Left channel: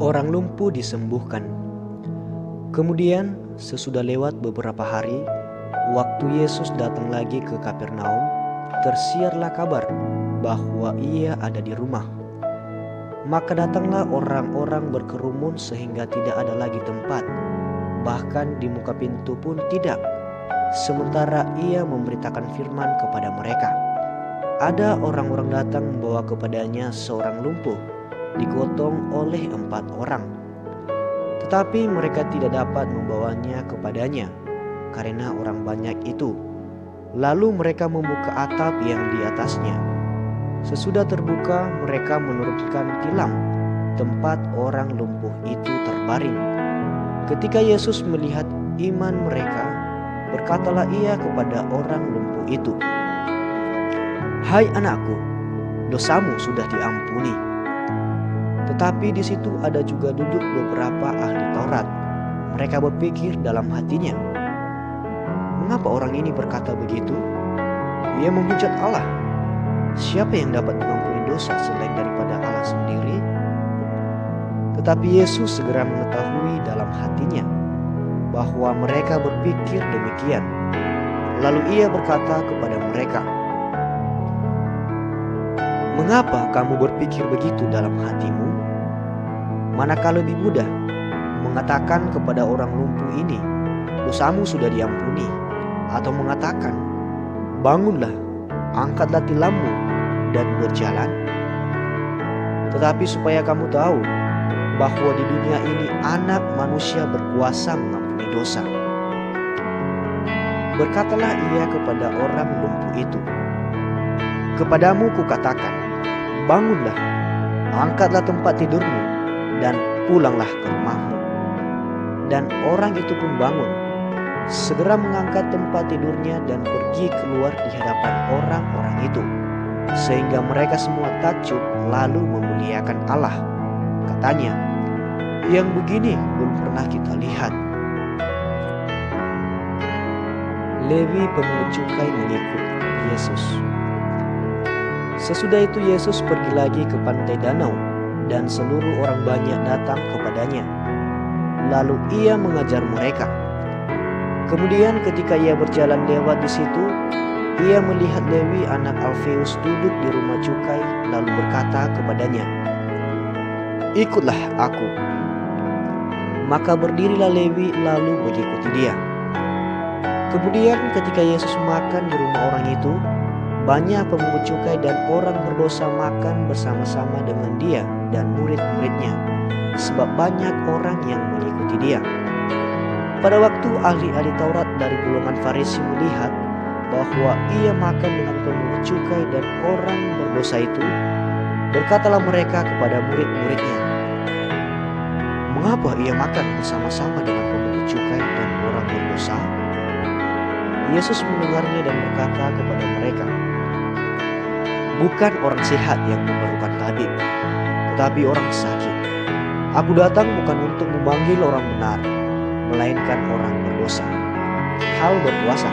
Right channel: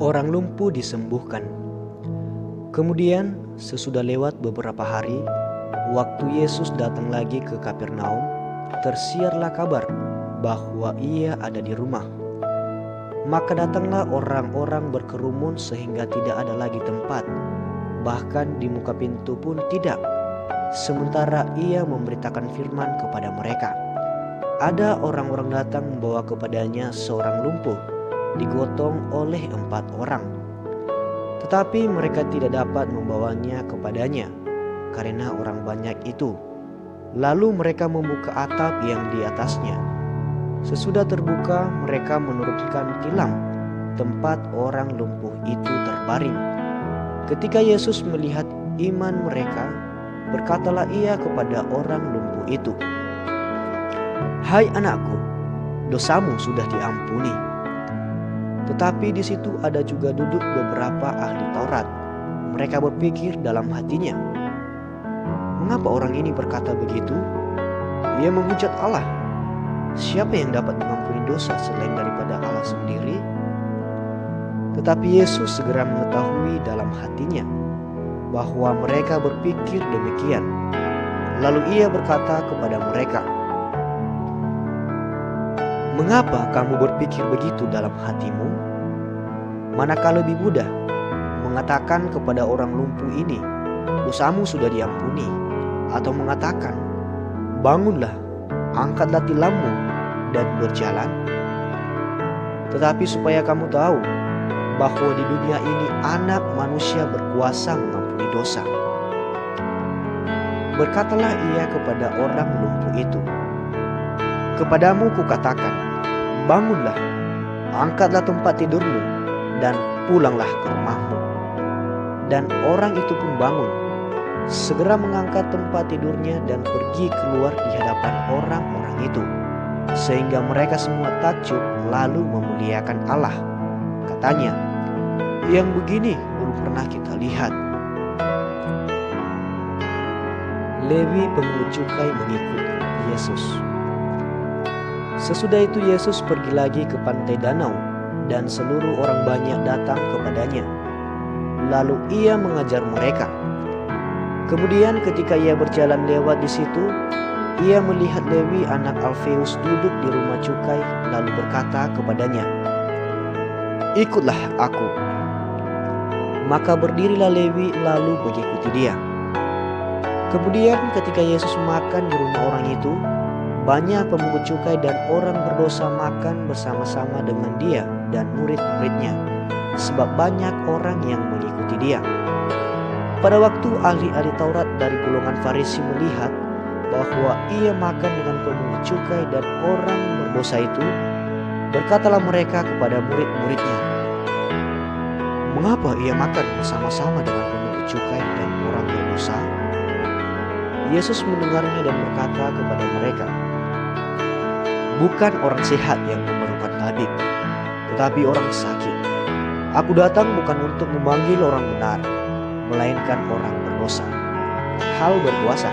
Orang lumpuh disembuhkan. Kemudian sesudah lewat beberapa hari, waktu Yesus datang lagi ke Kapernaum, tersiarlah kabar bahwa ia ada di rumah. Maka datanglah orang-orang berkerumun sehingga tidak ada lagi tempat, bahkan di muka pintu pun tidak. Sementara ia memberitakan firman kepada mereka. Ada orang-orang datang membawa kepadanya seorang lumpuh, digotong oleh 4 orang. Tetapi mereka tidak dapat membawanya kepadanya karena orang banyak itu. Lalu mereka membuka atap yang di atasnya. Sesudah terbuka, mereka menurunkan tilam tempat orang lumpuh itu terbaring. Ketika Yesus melihat iman mereka, berkatalah ia kepada orang lumpuh itu, "Hai anakku, dosamu sudah diampuni." Tetapi di situ ada juga duduk beberapa ahli Taurat. Mereka berpikir dalam hatinya, "Mengapa orang ini berkata begitu? Ia menghujat Allah. Siapa yang dapat mengampuni dosa selain daripada Allah sendiri?" Tetapi Yesus segera mengetahui dalam hatinya bahwa mereka berpikir demikian. Lalu ia berkata kepada mereka, "Mengapa kamu berpikir begitu dalam hatimu? Manakah lebih mudah mengatakan kepada orang lumpuh ini, 'Dosamu sudah diampuni,' atau mengatakan, 'Bangunlah, angkatlah tilammu dan berjalan'? Tetapi supaya kamu tahu bahwa di dunia ini Anak Manusia berkuasa mengampuni dosa." Berkatalah ia kepada orang lumpuh itu, "Kepadamu kukatakan, bangunlah, angkatlah tempat tidurmu, dan pulanglah ke rumahmu." Dan orang itu pun bangun, segera mengangkat tempat tidurnya dan pergi keluar di hadapan orang-orang itu, sehingga mereka semua takjub lalu memuliakan Allah. Katanya, "Yang begini belum pernah kita lihat." Lewi pemungut cukai mengikut Yesus. Sesudah itu Yesus pergi lagi ke pantai danau, dan seluruh orang banyak datang kepadanya. Lalu ia mengajar mereka. Kemudian ketika ia berjalan lewat di situ, ia melihat Lewi anak Alfeus duduk di rumah cukai, lalu berkata kepadanya, "Ikutlah aku." Maka berdirilah Lewi lalu mengikuti dia. Kemudian ketika Yesus makan di rumah orang itu, banyak pemungut cukai dan orang berdosa makan bersama-sama dengan dia dan murid-muridnya, sebab banyak orang yang mengikuti dia. Pada waktu ahli-ahli Taurat dari golongan Farisi melihat bahwa ia makan dengan pemungut cukai dan orang berdosa itu, berkatalah mereka kepada murid-muridnya, "Mengapa ia makan bersama-sama dengan pemungut cukai dan orang berdosa?" Yesus mendengarnya dan berkata kepada mereka, "Bukan orang sehat yang memerlukan tabib, tetapi orang sakit. Aku datang bukan untuk memanggil orang benar, melainkan orang berdosa." Hal berpuasa.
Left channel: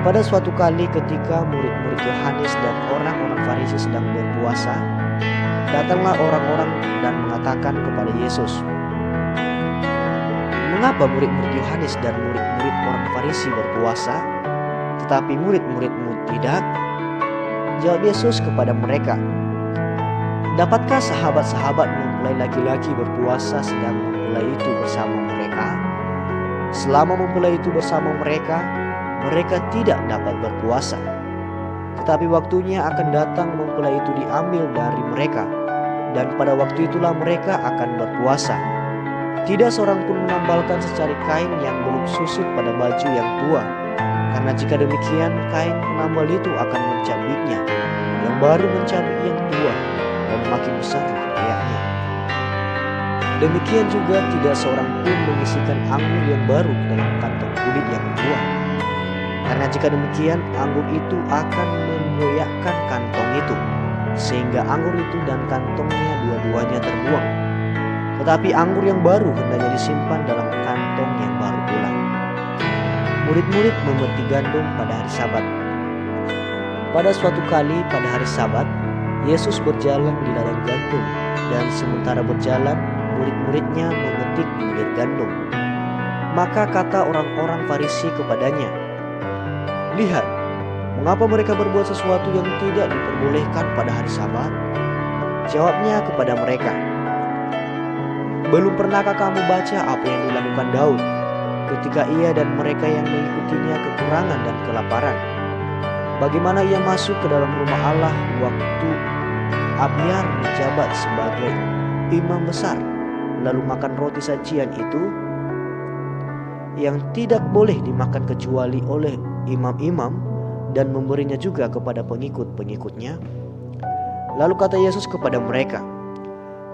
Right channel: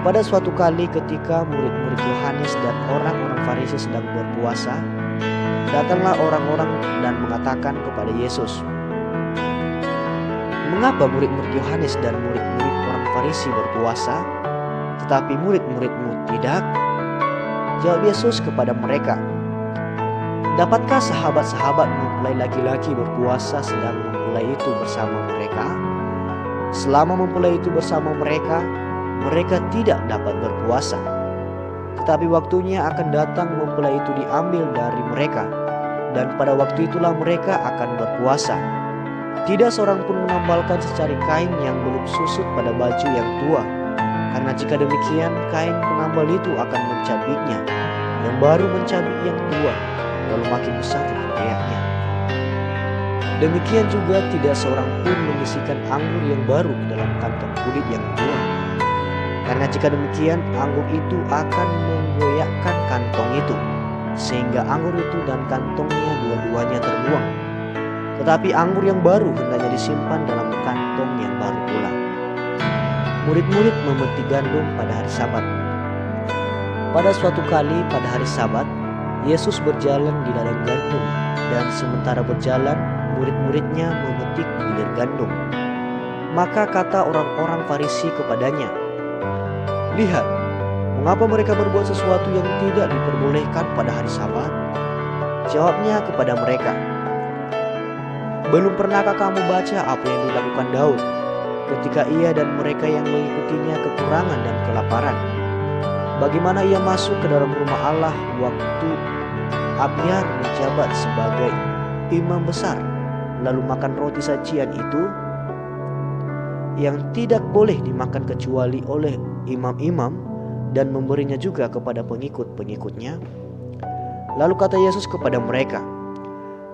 Pada suatu kali ketika murid-murid Yohanes dan orang-orang Farisi sedang berpuasa, datanglah orang-orang dan mengatakan kepada Yesus, "Mengapa murid-murid Yohanes dan murid-murid orang Farisi berpuasa, tetapi murid-muridmu tidak?" Jawab Yesus kepada mereka, "Dapatkah sahabat-sahabat mempelai laki-laki berpuasa sedang mempelai itu bersama mereka? Selama mempelai itu bersama mereka, mereka tidak dapat berpuasa. Tetapi waktunya akan datang mempelai itu diambil dari mereka, dan pada waktu itulah mereka akan berpuasa. Tidak seorang pun menambalkan secari kain yang belum susut pada baju yang tua, karena jika demikian kain penambal itu akan mencabiknya, yang baru mencabik yang tua, lalu makin besarlah riaknya. Demikian juga tidak seorang pun mengisikan anggur yang baru ke dalam kantong kulit yang tua, karena jika demikian anggur itu akan menggoyakkan kantong itu, sehingga anggur itu dan kantongnya dua-duanya terbuang. Tetapi anggur yang baru hendaknya disimpan dalam kantong yang baru pula." Murid-murid memetik gandum pada hari Sabat. Pada suatu kali pada hari Sabat, Yesus berjalan di ladang gandum, dan sementara berjalan, murid-muridnya memetik bulir gandum. Maka kata orang-orang Farisi kepadanya, "Lihat, mengapa mereka berbuat sesuatu yang tidak diperbolehkan pada hari Sabat?" Jawabnya kepada mereka, "Belum pernahkah kamu baca apa yang dilakukan Daud ketika ia dan mereka yang mengikutinya kekurangan dan kelaparan? Bagaimana ia masuk ke dalam rumah Allah waktu Abiar menjabat sebagai imam besar, lalu makan roti sajian itu yang tidak boleh dimakan kecuali oleh imam-imam, dan memberinya juga kepada pengikut-pengikutnya?" Lalu kata Yesus kepada mereka,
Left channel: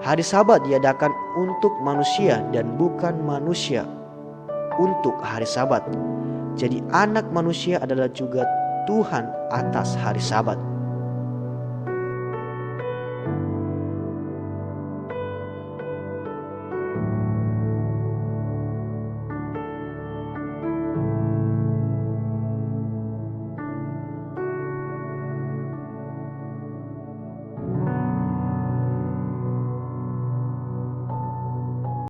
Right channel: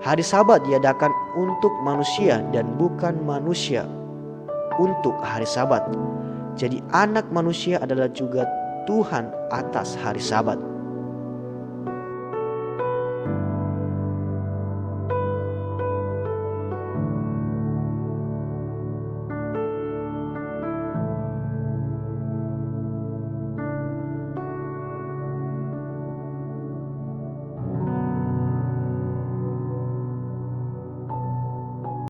"Hari Sabat diadakan untuk manusia dan bukan manusia untuk hari Sabat. Jadi Anak Manusia adalah juga Tuhan atas hari Sabat."